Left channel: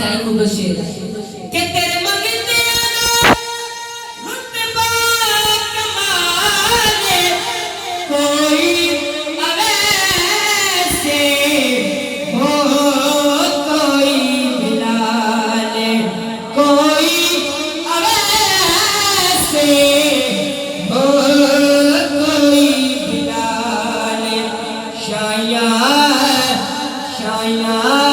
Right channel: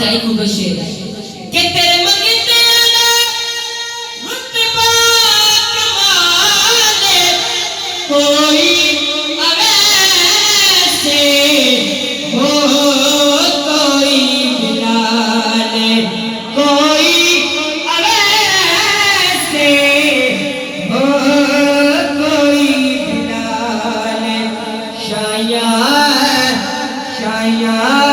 जाई मुबशिर के तेरे मंगते आना रुतबा कमाले कोई अवैसे हो कोई बिलाले कोई अवैसे हो कोई बिलाले शाया शाया